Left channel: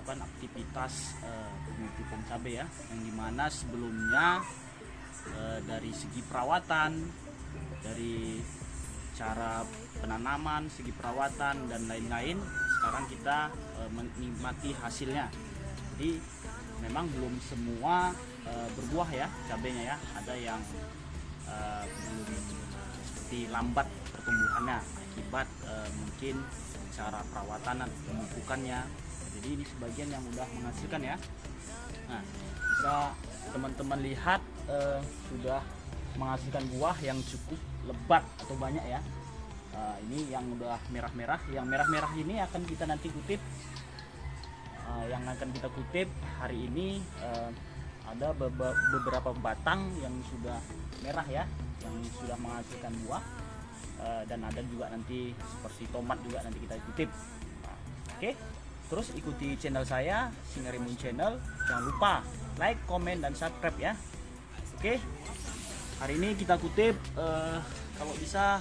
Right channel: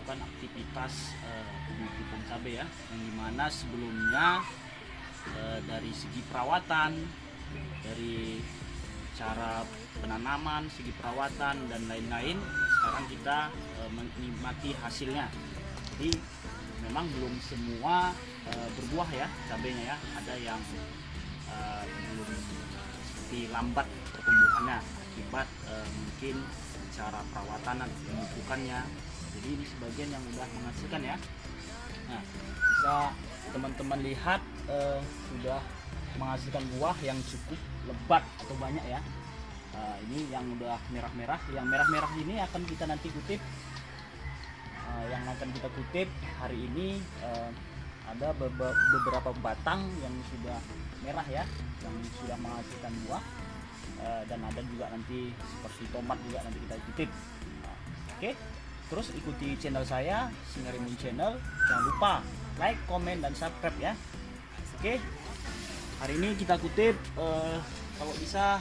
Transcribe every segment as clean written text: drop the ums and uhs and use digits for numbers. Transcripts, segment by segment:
melakukan aktivitas pemupukan cabai ya, yang dimana sebelumnya dari segi perawatan, dari cara penanaman, segi perawatan dan lain-lain, sekarang kita menikmati hasilnya. Jadi memang belum semua berbuah ya cabainya ya, ada yang belum seperti lambat pertumbuhannya akibat mungkin cara perawatan dan pemupukannya. Jadi ini sebagian yang udah menghasilkan ya. Nah, bisa teman-teman lihat sudah menghasilkan buah yang cukup lebat atau banyak ya. Ini yang udah merah-merah, yang merah-merah ini akan kita nanti kutip. Yang akan kita kutip hari ini ada beberapa batang yang sudah merah ya, yang sudah menghasilkan buah, dan ada juga nanti seperti tomat juga nanti kita kutip. Oke, terus ikuti channel saya Singarimun Channel, jangan lupa like, komen, dan subscribe ya. Oke, hari ini kita kutip kalau bisa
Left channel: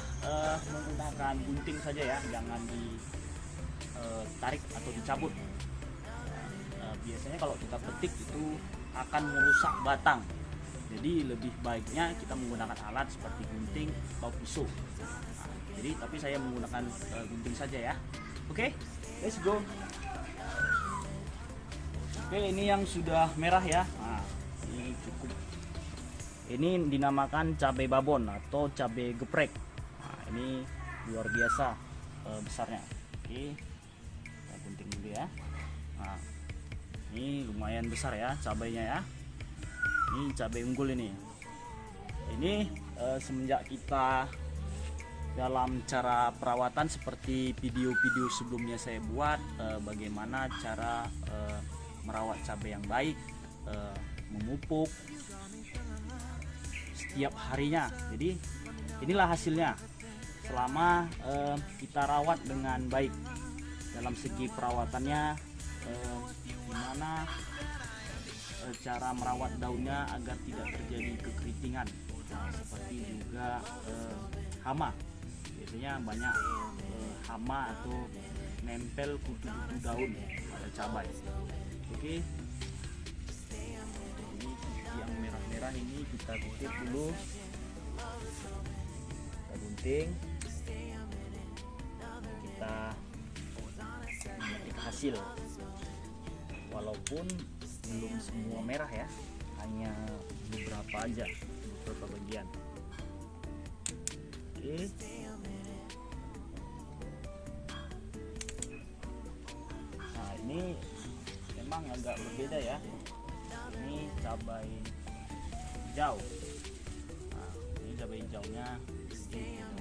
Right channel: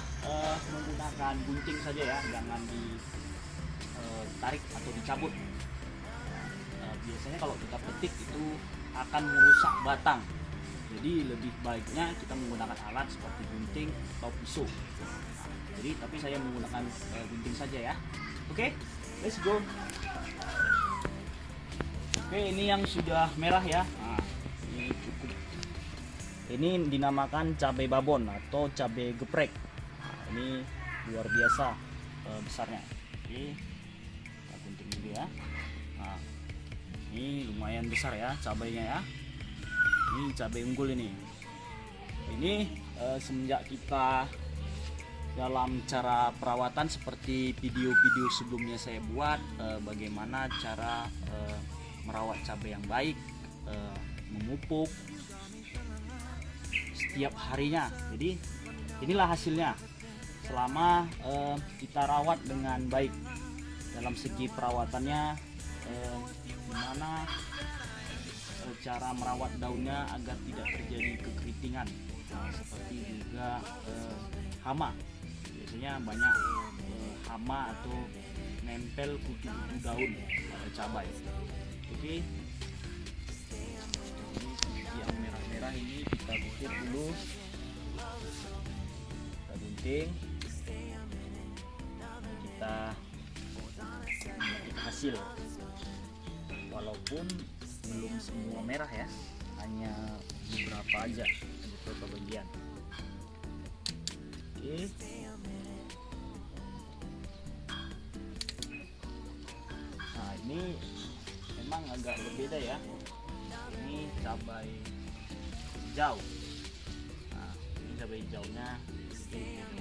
menggunakan gunting saja ya, jangan ditarik atau dicabut. Biasanya kalau kita petik itu akan merusak batang, jadi lebih baiknya kita menggunakan alat seperti gunting atau pisau. Jadi tapi saya menggunakan gunting saja ya. Oke, let's go. Oke, ini yang sudah merah ya. Nah, ini cukup. Ini dinamakan cabai babon atau cabai geprek. Nah, ini luar biasa besarnya. Oke, kita gunting dulu ya. Nah, ini lumayan besar ya cabainya ya. Ini cabai unggul ini. Ini semenjak kita dalam cara perawatan seperti video-video sebelumnya saya buat, bagaimana cara merawat cabai yang baik, memupuk setiap harinya. Jadi inilah hasilnya selama kita rawat dengan baik. Dalam segi perawatannya, dimana cara merawat daunnya agar tidak terjadi kekeritingan, seperti juga hama. Biasanya banyak hama atau nempel kutu-kutu daun pada cabai. Oke, ini yang merah-merah ini kita kutip dulu, kita gunting, kita memetik hasil. Walaupun belum semua merah ya, hanya beberapa aja, beberapa bagian. Oke, nah ini memang agak berbeda ya. Ini cabai hijau. Nah, ini cabai hijaunya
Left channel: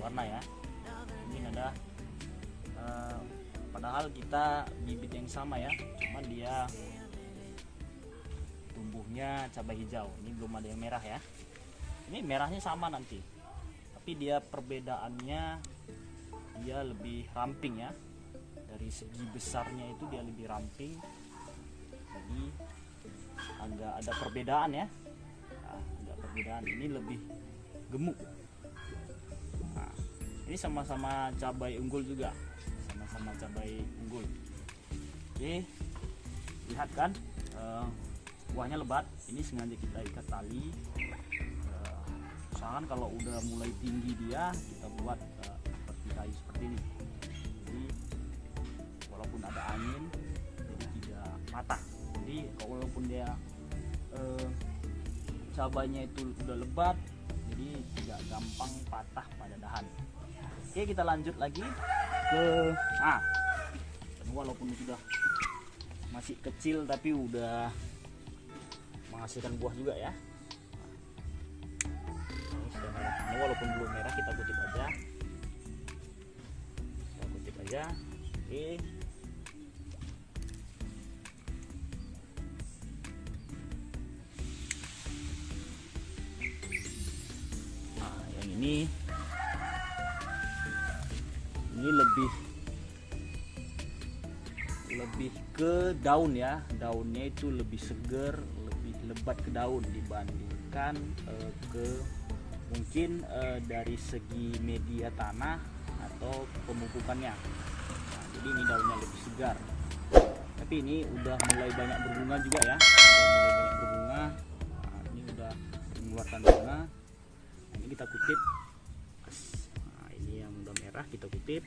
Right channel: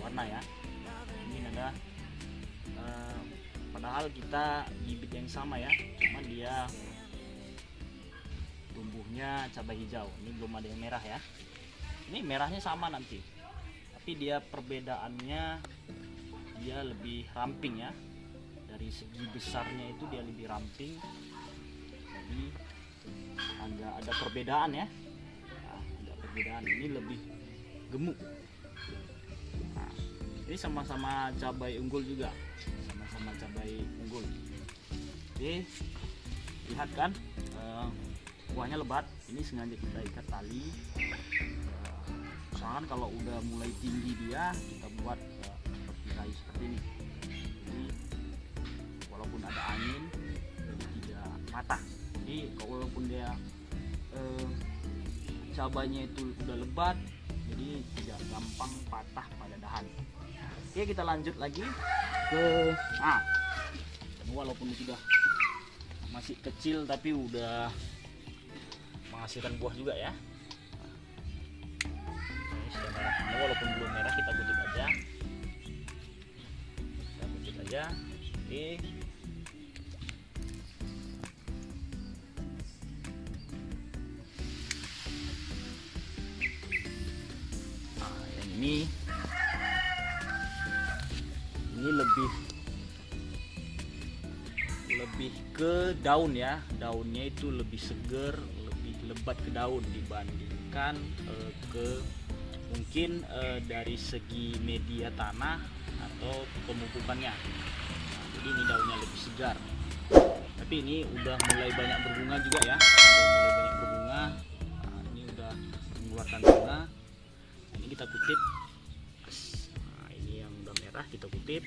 warna ya. Ini ada padahal kita bibit yang sama ya, cuman dia tumbuhnya cabai hijau. Ini belum ada yang merah ya. Ini merahnya sama nanti, tapi dia perbedaannya dia lebih ramping ya. Dari segi besarnya itu dia lebih ramping, jadi agak ada perbedaan ya. Nah, ada perbedaan, ini lebih gemuk. Nah, ini sama-sama cabai unggul juga, sama-sama cabai unggul. Oke, lihat kan buahnya lebat. Ini sengaja kita ikat tali. Usahakan kalau udah mulai tinggi dia, kita buat seperti kayu seperti ini. Jadi walaupun ada angin, jadi tidak patah. Jadi walaupun dia cabainya itu udah lebat, jadi tidak gampang patah pada dahan. Oke, kita lanjut lagi ke walaupun sudah masih kecil tapi udah menghasilkan buah juga ya. Ini sudah merah. Ini walaupun belum merah, kita kutip aja. Kita kutip aja. Oke. Nah, yang ini lebih ke daun ya. Daunnya itu lebih seger, lebih lebat ke daun dibandingkan ke mungkin dari segi media tanah atau pemupukannya. Nah, jadi ini daunnya lebih segar. tapi ini udah mulai banyak berbunga juga ya, udah mulai banyak berbunga. Nah, ini udah mengeluarkan bunga. Ini kita kutip. Nah, ini yang udah merah kita kutip.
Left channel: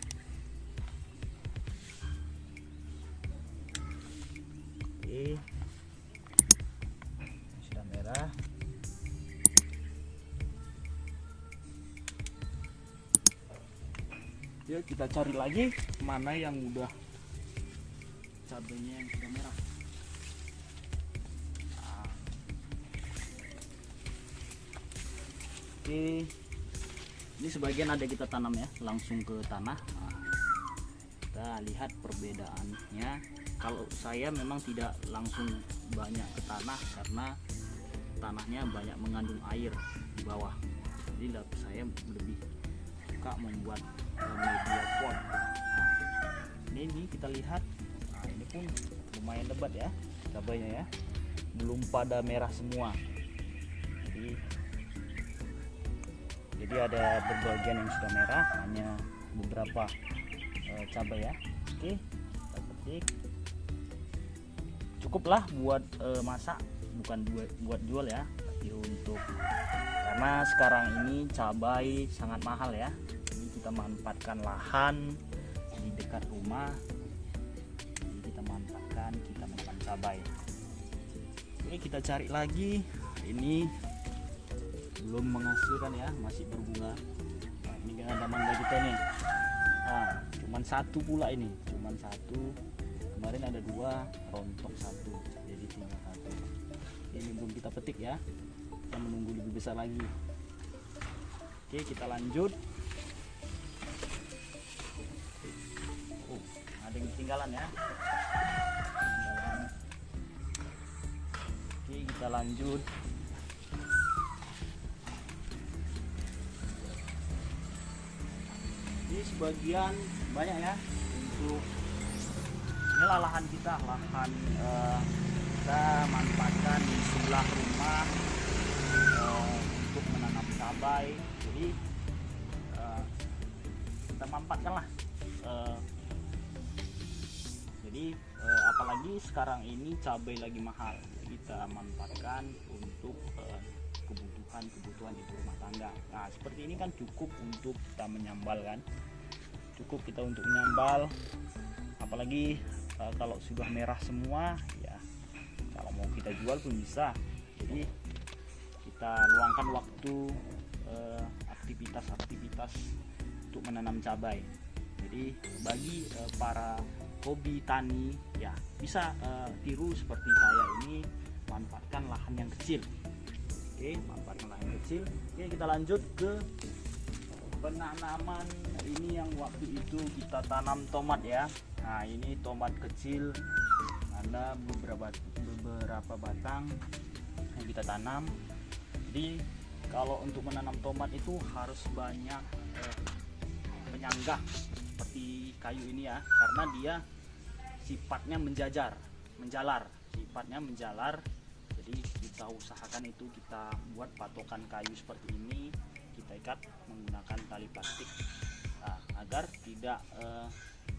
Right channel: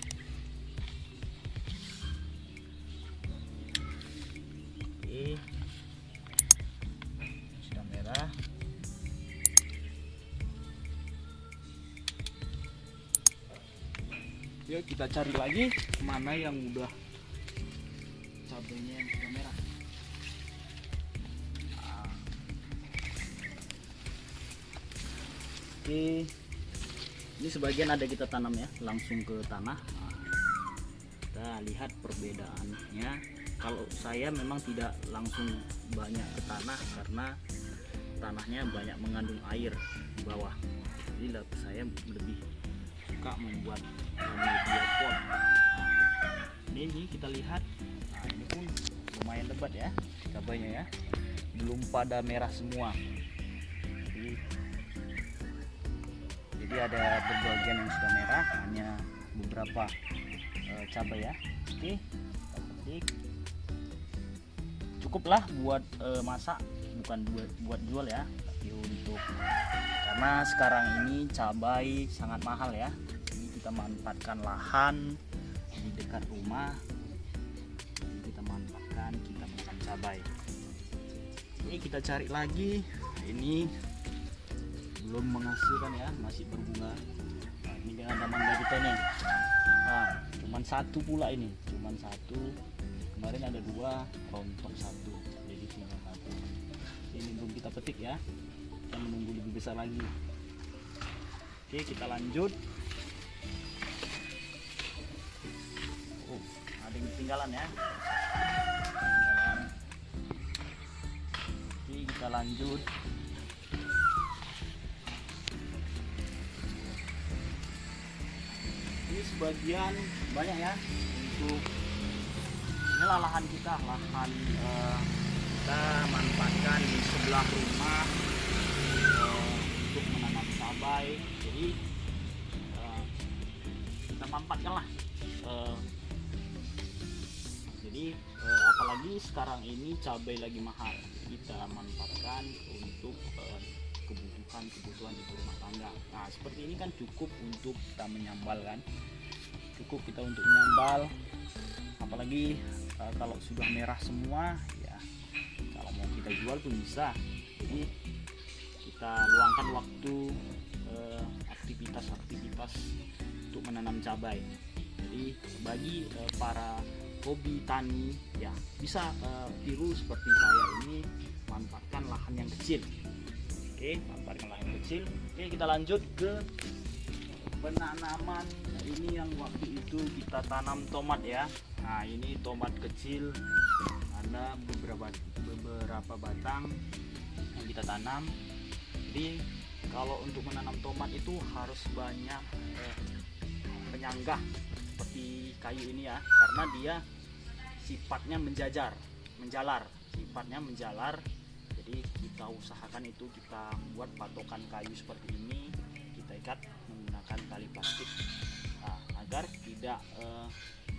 Oke, sudah merah. Yuk kita cari lagi mana yang udah cabenya yang sudah merah. Nah. Oke, ini sebagian ada kita tanam ya, langsung ke tanah. Nah, kita lihat perbedaannya. Kalau saya memang tidak langsung banyak ke tanah karena tanahnya banyak mengandung air di bawah. Jadi saya lebih suka membuat media pot. Nah, ini kita lihat. Nah, ini pun lumayan lebat ya cabainya ya, belum pada merah semua. Jadi ada berbagian yang sudah merah, hanya beberapa cabai ya. Oke, kita petik. Cukuplah buat masak, bukan buat jual ya, tapi untuk karena sekarang ini cabai sangat mahal ya. Jadi kita manfaatkan lahan di dekat rumah. Jadi kita manfaatkan, kita menanam cabai. Ini kita cari lagi. Ini belum menghasilkan ya, masih berbunga. Nah, ini dengan ada mangga kita nih. Nah, cuman satu pula ini, cuman satu. Kemarin ada 2, rontok 1, jadi tinggal 1. Ini belum kita petik ya, kita menunggu lebih besar lagi. Oke, kita lanjut. Oh, ada yang ketinggalan ya. Ketinggalan. Oke, kita lanjut. Ini sebagian banyak ya, untuk inilah lahan kita, kita manfaatkan di sebelah rumah untuk menanam cabai. Jadi kita manfaatkan lah. Jadi apalagi sekarang ini cabai lagi mahal, kita manfaatkan untuk kebutuhan ibu rumah tangga. Nah, seperti ini kan cukup untuk kita menyambal kan, cukup kita untuk menyambal. Apalagi kalau sudah merah semua ya, kalau mau kita jual pun bisa. Jadi kita luangkan waktu aktivitas untuk menanam cabai. Jadi bagi para hobi tani ya, bisa tiru seperti saya ini, manfaatkan lahan yang kecil. Oke, manfaatkan lahan yang kecil. Oke, kita lanjut ke penanaman. Ini yang waktu itu kita tanam tomat ya. Nah, ini tomat kecil, ada beberapa batang yang kita tanam. Jadi kalau untuk menanam tomat itu harus banyak penyanggah seperti kayu ini ya, karena dia sifatnya menjalar. Jadi kita usahakan itu, kita buat patokan kayu seperti ini, kita ikat menggunakan tali plastik. Nah, agar tidak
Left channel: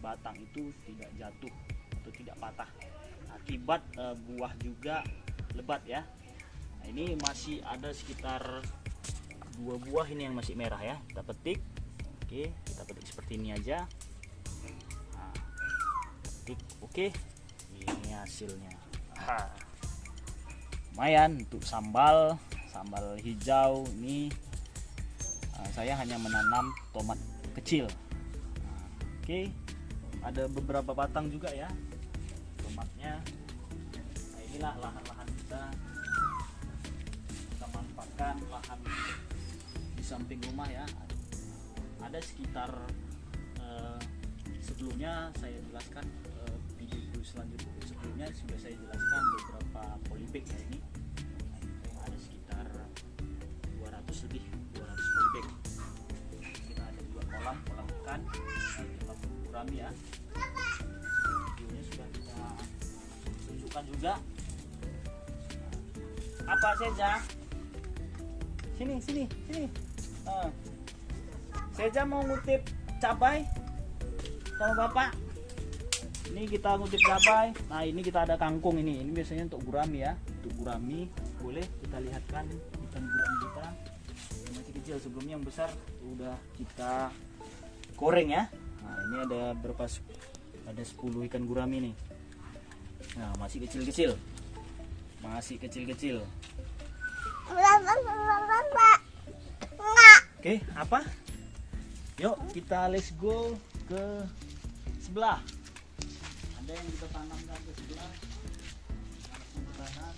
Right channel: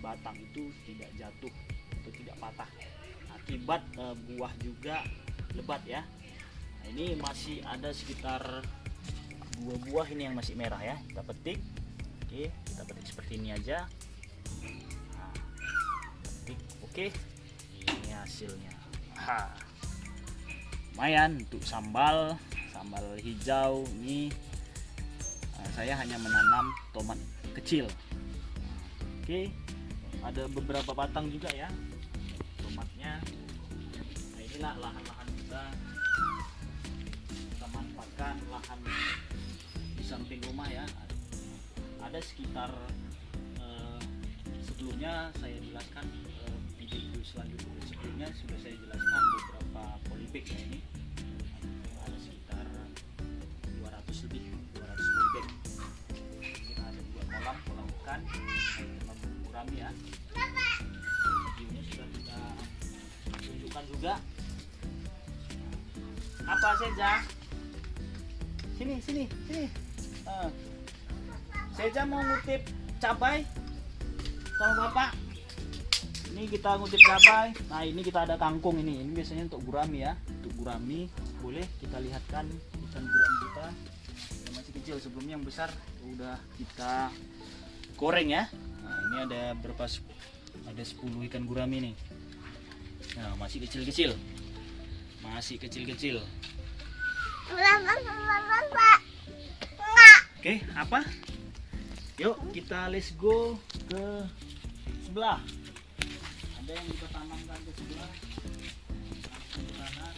batang itu tidak jatuh atau tidak patah. Akibat buah juga lebat ya. Nah, ini masih ada sekitar 2 buah ini yang masih merah ya. Kita petik. Oke, kita petik seperti ini aja. Nah, petik. Oke, ini hasilnya. Lumayan untuk sambal hijau ini. Saya hanya menanam tomat kecil. Oke, ada beberapa batang juga ya tomatnya. Nah, inilah lahan-lahan kita manfaatkan, lahan di samping rumah ya. Ada sekitar sebelumnya saya jelaskan, video selanjutnya sebelumnya sudah saya jelaskan beberapa polybag ini. Ada sekitar 200 polybag. Kita ada 2 kolam ikan, kolam gurami ya. Videonya sudah kita tunjukkan juga. Apa saja? Sini. Seja mau ngutip cabai sama bapak. Ini kita ngutip cabai. Nah ini kita ada kangkung ini biasanya untuk gurami ya. Untuk gurami boleh kita lihatkan ikan gurami kita yang masih kecil. Sebelumnya yang besar udah kita goreng ya. Nah ini ada berapa? Ada 10 ikan gurami nih. Nah masih kecil-kecil. Masih kecil-kecil. Oke, apa? Yuk kita let's go ke sebelah. Ada yang kita tanamkan ke sebelah. Langsung ke tanah.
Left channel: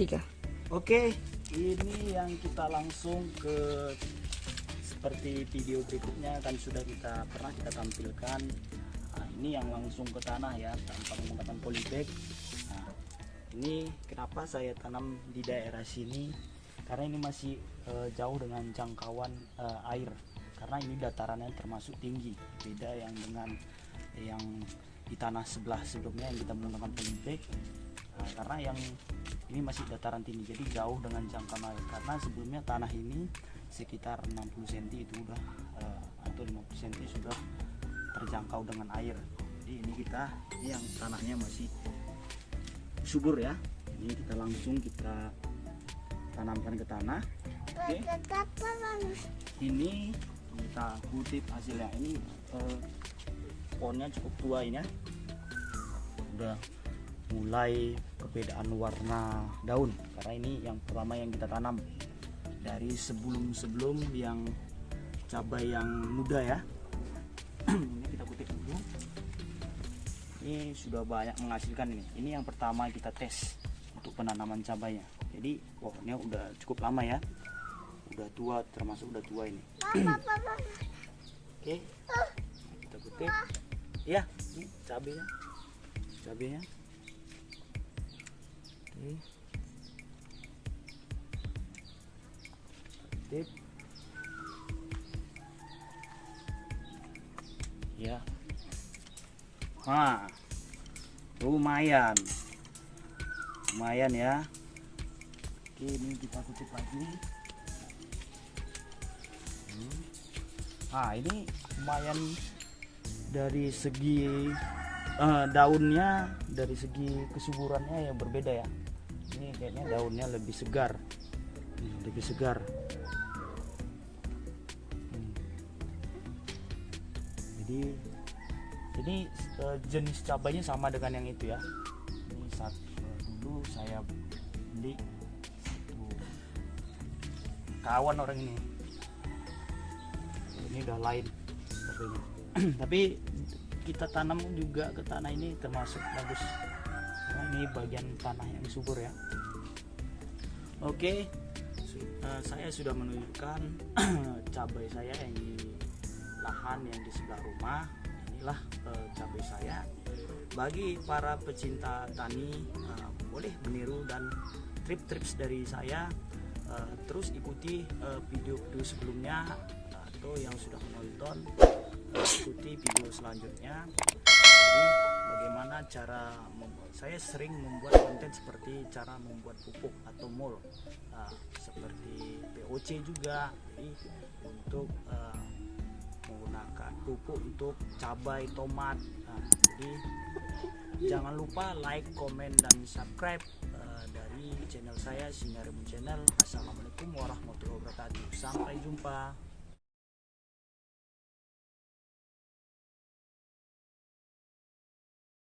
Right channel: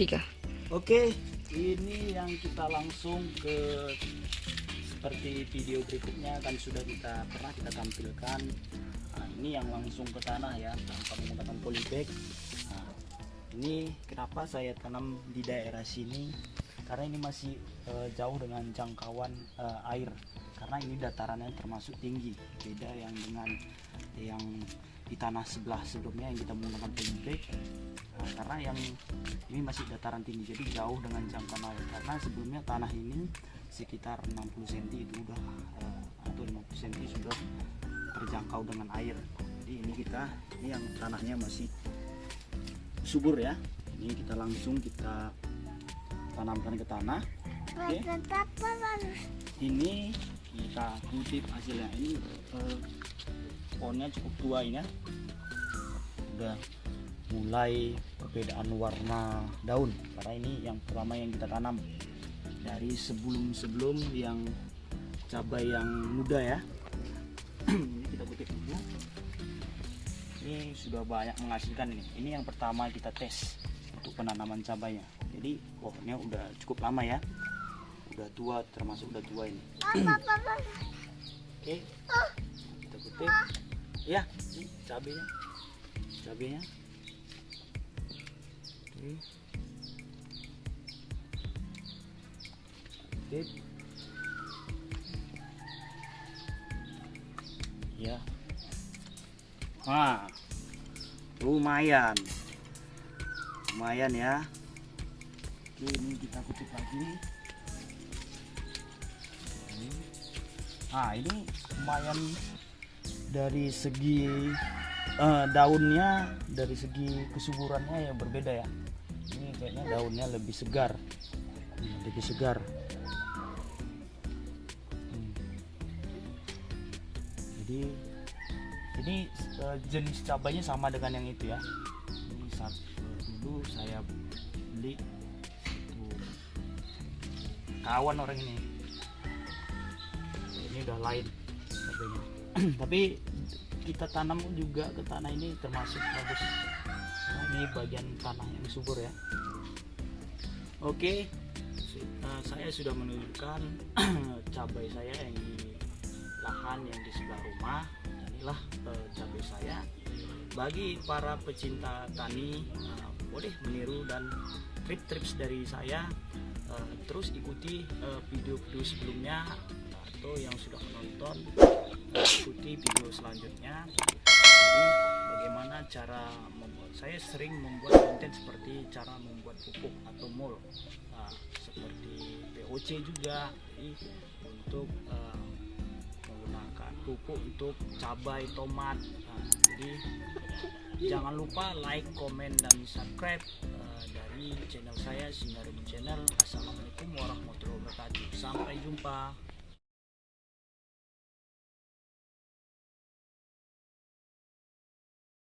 Tiga. Oke, ini yang kita langsung ke seperti video berikutnya kan sudah pernah kita tampilkan. Nah, ini yang langsung ke tanah ya tanpa menggunakan polybag. Nah, ini kenapa saya tanam di daerah sini? Karena ini masih jauh dengan jangkauan air, karena ini datarannya termasuk tinggi, beda yang dengan yang di tanah sebelah sebelumnya yang kita menggunakan polybag. Nah, karena yang ini masih dataran tinggi, jadi jauh dengan jangkauan air. Karena sebelumnya tanah ini sekitar 60 cm itu udah atau 50 cm sudah terjangkau dengan air. Jadi ini yang tanahnya masih subur ya. Ini kita langsung tanamkan ke tanah. Oke. Ini kita kutip hasilnya. Ini pohonnya cukup tua ini ya. Udah mulai perbedaan warna daun, karena ini yang pertama yang kita tanam dari sebelum yang cabai yang muda ya. Ini kita kutip dulu. Ini sudah banyak menghasilkan ini. Ini yang pertama kita tes untuk penanaman cabainya. Jadi pohonnya udah cukup lama ya, udah tua, termasuk udah tua ini. Oke, kita kutip ya, ini cabainya oke. Kutip ya. Nah, lumayan ya. Oke, ini kita kutip lagi. Nah ini lumayan dari segi daunnya, dari segi kesuburannya yang berbeda ya. Ini kayaknya daunnya lebih segar, Jadi ini jenis cabainya sama dengan yang itu ya. Ini dulu saya beli kawan orang ini udah lain cabainya. Tapi kita tanam juga ke tanah ini termasuk bagus, karena ini bagian tanah yang subur ya. Oke, saya sudah menunjukkan cabai saya yang di lahan yang di sebelah rumah. Inilah cabai saya. Bagi para pecinta tani, boleh meniru dan tips dari saya. Terus ikuti video-video sebelumnya, atau yang sudah menonton ikuti video selanjutnya. Jadi bagaimana cara membuat, saya sering membuat konten seperti cara membuat pupuk atau mul, seperti POC juga. Jadi untuk menggunakan pupuk untuk cabai, tomat. Jadi jangan lupa like, komen, dan subscribe dari channel saya, Sinarimun Channel. Assalamualaikum warahmatullahi wabarakatuh. Sampai jumpa.